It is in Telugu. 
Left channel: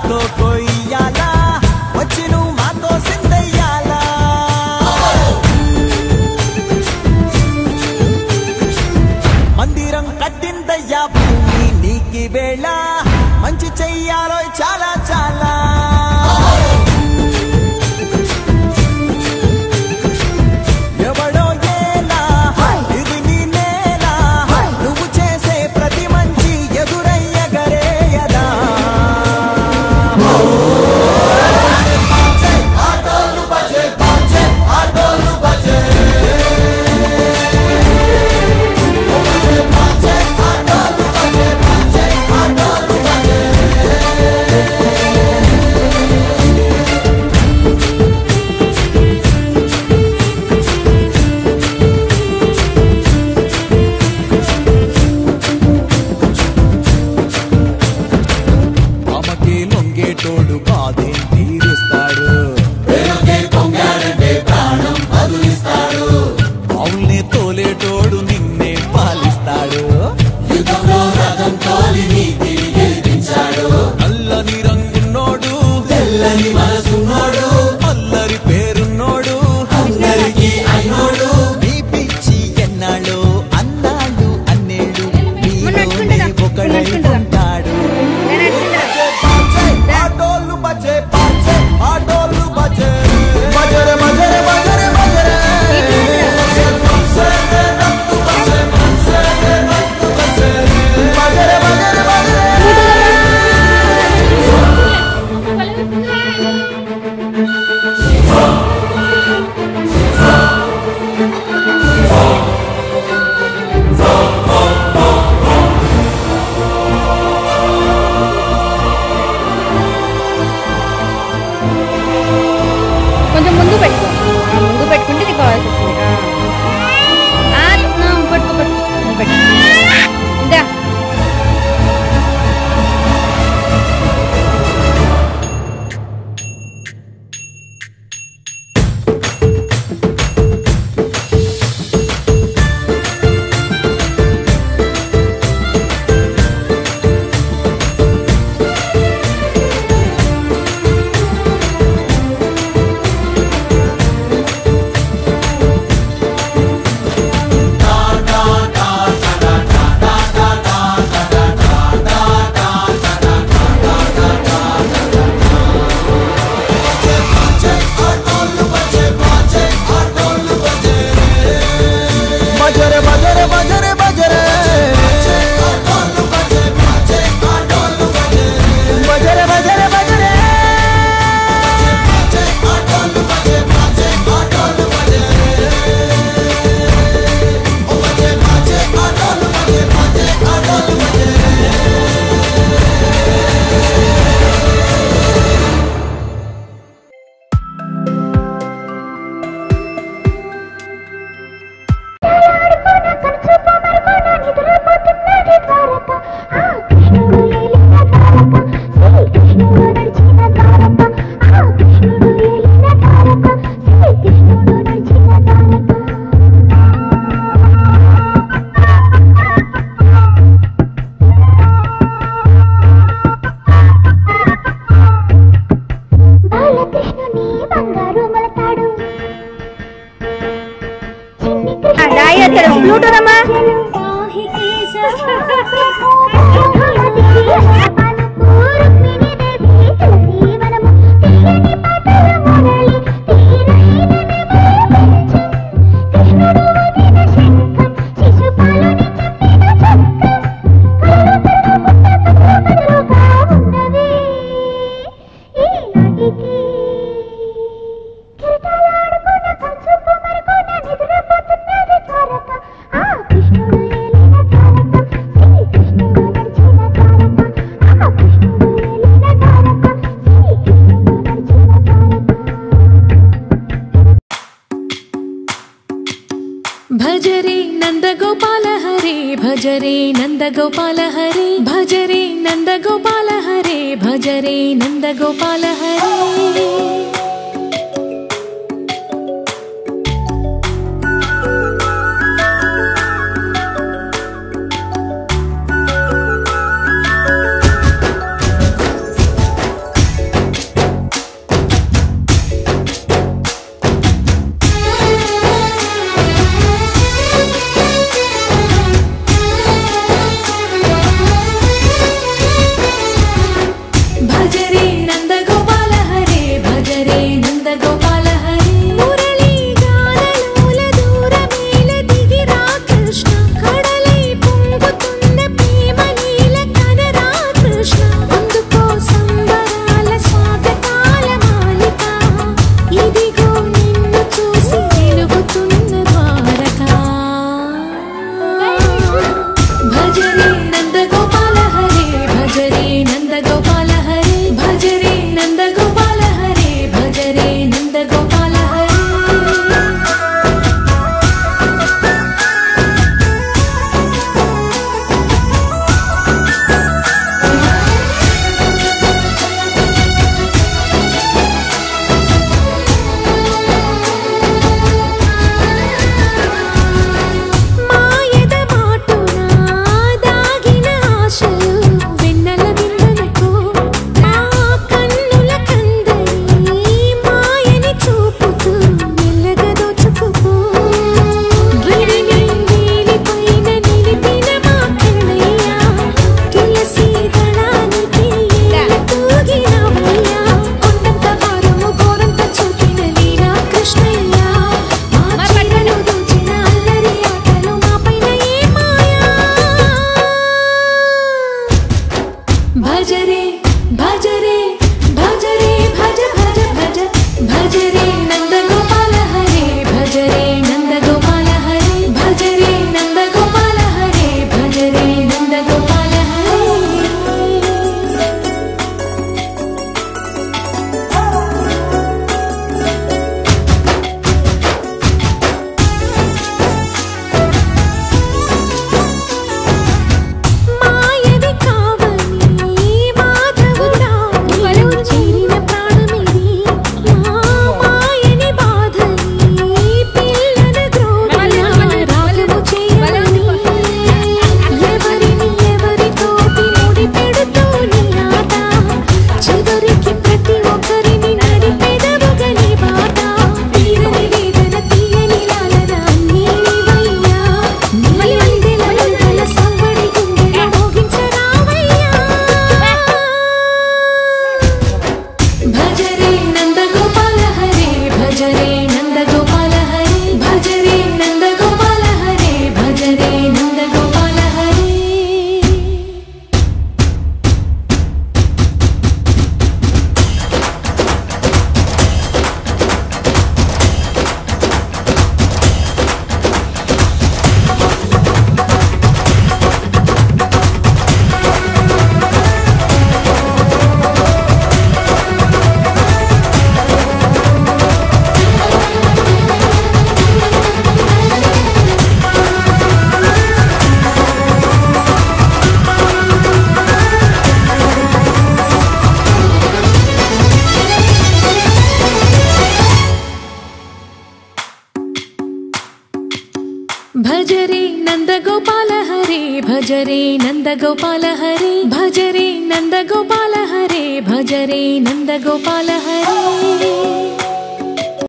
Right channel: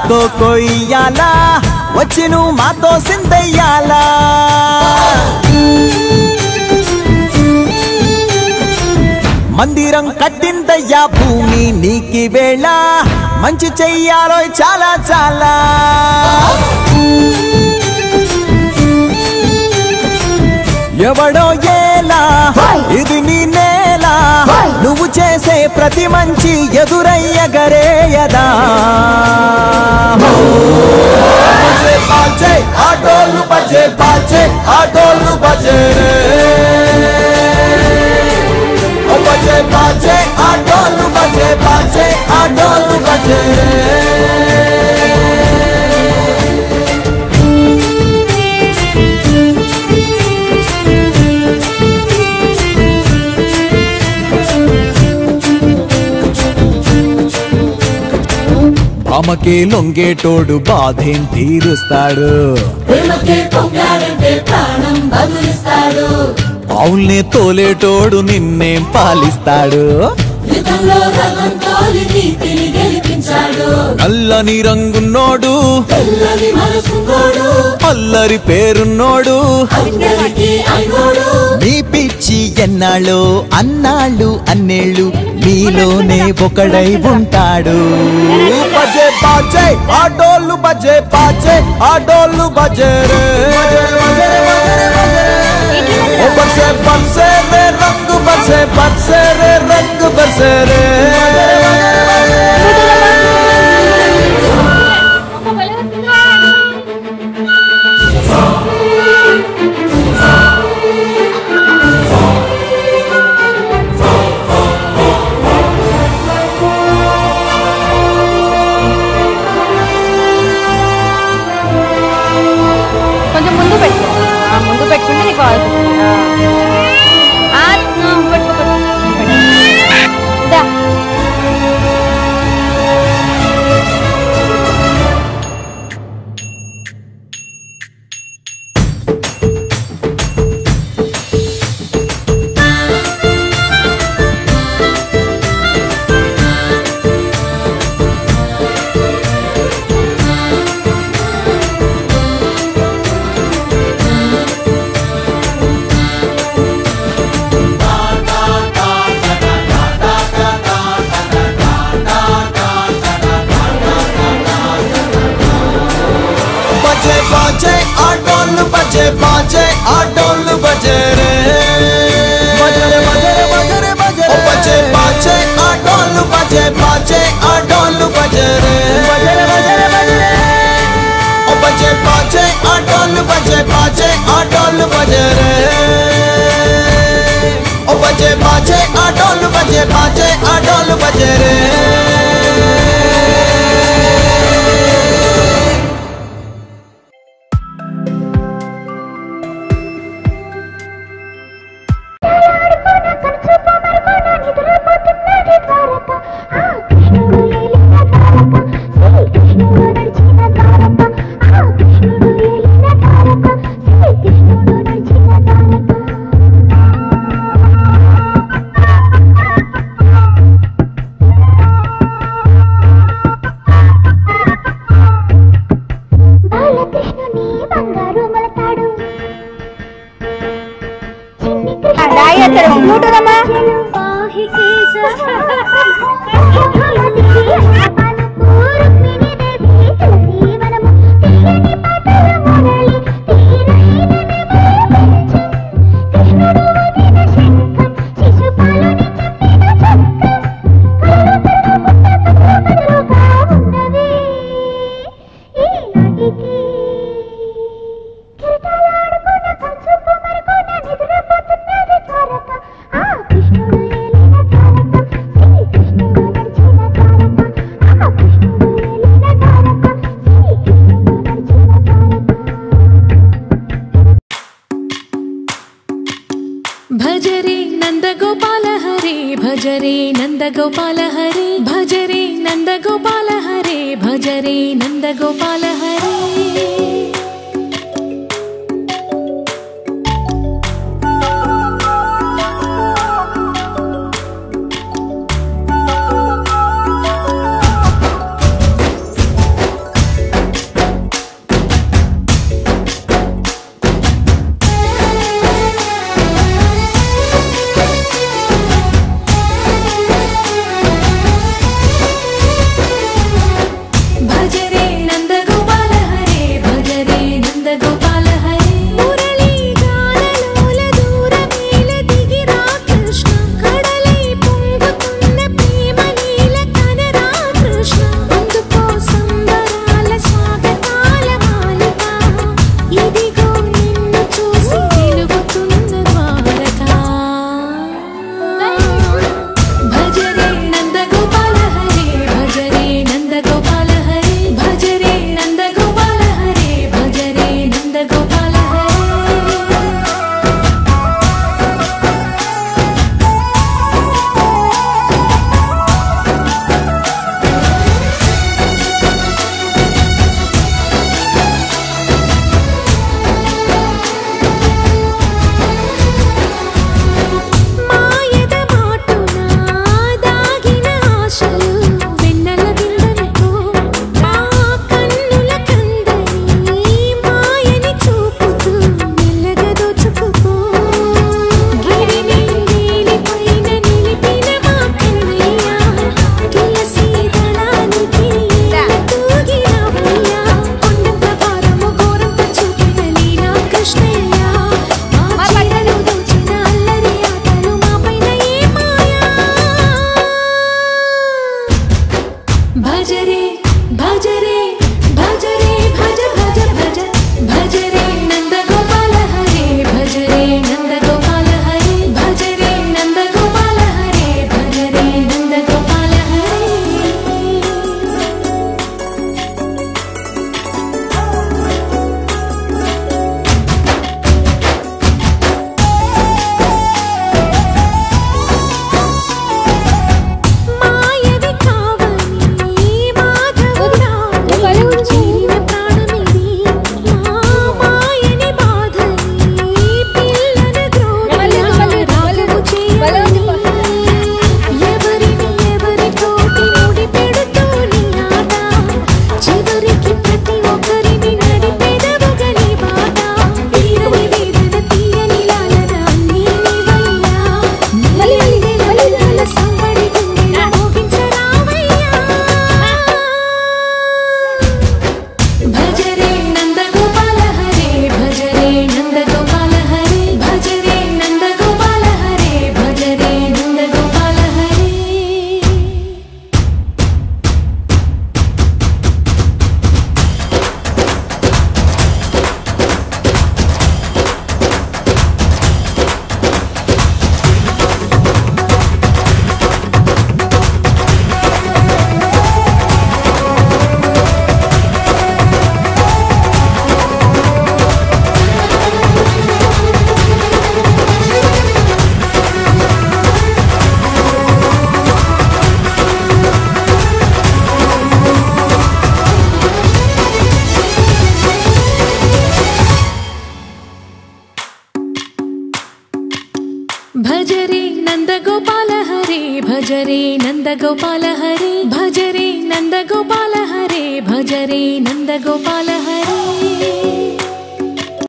నాతో కొయ్యాలా వచ్చి నువ్వు మాతో సిందయ్యాలా మందిరం కట్టిందయ్యా భూమి నీకి వేళ మంచి చెయ్యాలో చాలా చాలా ఎవడో ఏలా ఇది నీ నేల నువ్వు చేసే ప్రతి మంచి ఎదురయ్యగరేయదా ఆటోలు బజే బాజే ఆటోలు బజే बजे बाजे आटोलू बजे बाजे आटोलू बजे భామకే లొంగేటోడు బాధేం తీరుస్తాడు ఆవుల్నే తోలేటోడు నిన్నేం పాలిస్తాడు నల్లని రంగున్నోడు అల్లరి పేరున్నోడు మీ పిచ్చి ఎన్నాళ్ళు అన్నాళ్ళు అన్నేళ్ళు మీలోనే ఒకడై ఉంటాడు బజే బాజే ఆటోలు బజే బాజే ఆటోలు బజే రే బజే బజే బజే बसे बसे रे रंग बसे बसे रे रंग बसे रे बजरे बजरे बजरे కొంచెం ముందు పెట్టుకో ముందు పెట్టుకుంటే నీకు వాయిస్ వస్తుంది దా बाजे आटोलू बजे रे बजरे बजरे बजरे बजरे बजे बाजे आटोलू बजे बाजे आटोलू बजे रे बजरे बजरे बजरे ओ बजे बाजे आटोलू बजे बाजे आटोलू बजे रे ओ बजे बाजे आटोलू बजे बाजे आटोलू बजे रे भजरे नंदगोपाल हरे भजरे नंदगोपाल हरे भजरे नंदगोपाल हरे भजरे नंदगोपाल हरे भजरे भजरे भजरे भज भज भज भजरे नंद गोपाल हरे भजरे नंद गोपाल हरे भजरे नंद गोपाल हरे भजरे नंद गोपाल हरे మాయవి కావని మాధవుడా చేరిన ప్రాణమిది మా మాయని బాధని పిల్లన గ్రోధిలా రాగము చేయని ఎవరిని ఎవరితోటి ముడి పెడుతూ నీ ఆట చివరికి ప్రతి ఒక్కరిని నడిపెదవుగని బాట తీరని వేదన తీయని లాలన అన్నీ నీవయ్యా నీవెల సంబడి గుండెల మోగించరావయ్యా భజరే నంద గోపాల హరే భజరే నంద గోపాల హరే భజరే నంద గోపాల హరే భజరే నంద గోపాల హరే भजरे नंद गोपाल हरे भजरे नंद गोपाल हरे भजरे नंद गोपाल हरे भजरे नंद गोपाल हरे